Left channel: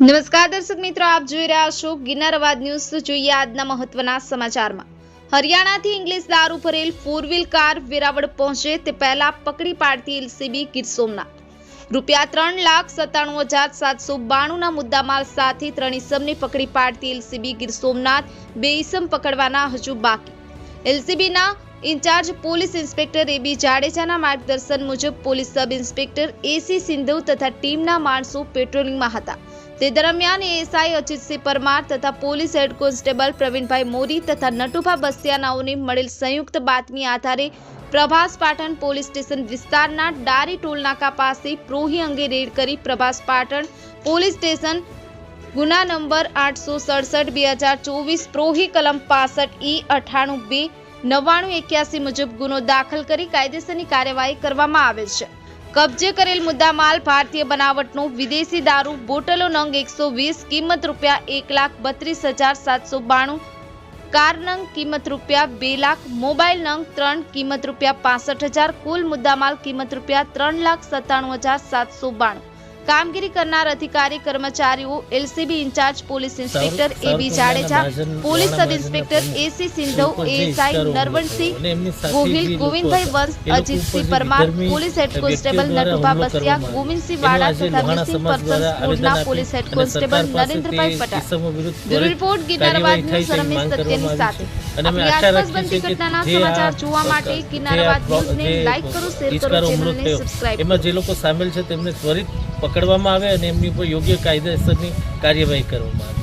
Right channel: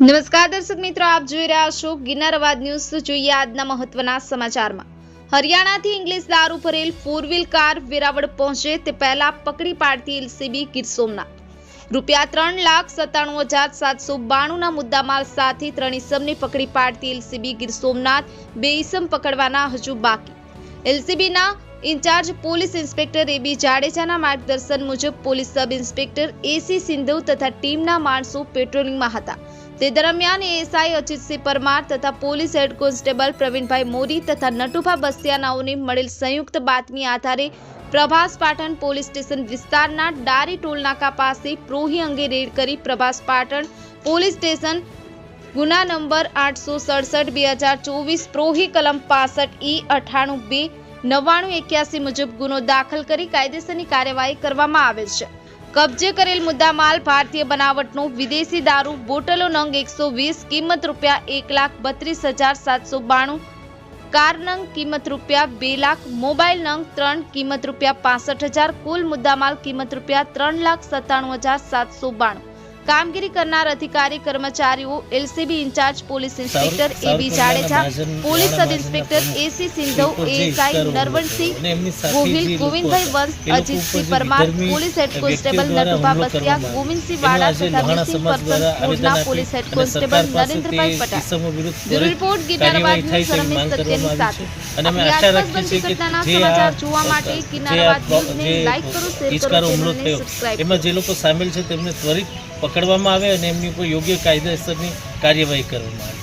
નમસ્કાર દર્શક મિત્રો, આપ જોઈ રહ્યા છો ગિરનાર અવાજ ન્યૂઝ। જોઈએ આજના મહત્વના સમાચારમાં। હરિયાણાથી ઇંગ્લિશ દારૂ ભરેલ 4 વ્હીલ કાર વેરાવળ પહોંચે તે પહેલા પકડી પાડતી એલસીબી ગીર સોમનાથ। રૂપિયા 3,97,792ના મુદ્દામાલ સાથે 3 ઇસમને પકડી પાડતી એલસીબી ગીર સોમનાથ। 2 ઇસમ પકડવાના હજુ બાકી। એલસીબીના ઇન્ચાર્જ પોલીસ ઇન્સ્પેક્ટર એબી જાડેજાના માર્ગદર્શન મુજબ police sub inspector AC Sindhu તથા ટીમના માણસો પેટ્રોલિંગમાં હતા। તે દરમિયાન એએસઆઈ અજીતસિંહ પરમાર તથા પોલીસ હેડ કોન્સ્ટેબલ પ્રવીણભાઈ મોરી તથા નટુભા બસિયાનાઓને મળેલ સંયુક્ત બાતમી આધારે પ્રભાસ પાટણ પોલીસ સ્ટેશન વિસ્તારના ડારી ટોલનાકા પાસે પ્રોહી અંગે રેડ કરી પ્રભાસ પાટણ પોલીસ સ્ટેશન ગુના નંબર 867/2024 પ્રોહી કલમ 65E98 2 9981 મુજબ ગુનો દાખલ કરી કાયદેસરની કાર્યવાહી કરવામાં આવેલ છે। કબજે કરેલ મુદ્દામાલ ભારતીય બનાવટનો વિદેશી દારૂ બોટલો નંગ 120 કિંમત રૂપિયા 1,32,792, કાર નંગ કિંમત રૂપિયા 2 લાખ, મોબાઈલ નંગ 3 કિંમત રૂપિયા 65,000, કુલ મુદ્દામાલ કિંમત રૂપિયા 3,97,792। કામગીરી કરનાર અધિકારી કર્મચારીઓ LCB in-charge police inspector AB Jadeja, police sub inspector AC Sindhu, ASI Narvansinh Gohil, Govindbhai Vansh, Ajitsinh Parmar, police head constable Natubha Basiya, Govindsinh Vada તથા મિસિંગ પર્સન્સ કોડના police head constable Narendrabhai Patel. Bureau report Girnar Awaaz news Ramesh સત્યની સાથે। આપણી આસપાસ બનતી ઘટનાના સમાચાર જોવા માટે ગિરનાર અવાજ ન્યૂઝને લાઈક કરો, શેર કરો, ચેનલને સબસ્ક્રાઇબ કરો। એમાં જે લોકો સામેલ છે તેમને ત્વરિત પકડવામાં આવે અને એમની ઉપર યોગ્ય કાયદેસરની કાર્યવાહી કરવામાં આવે।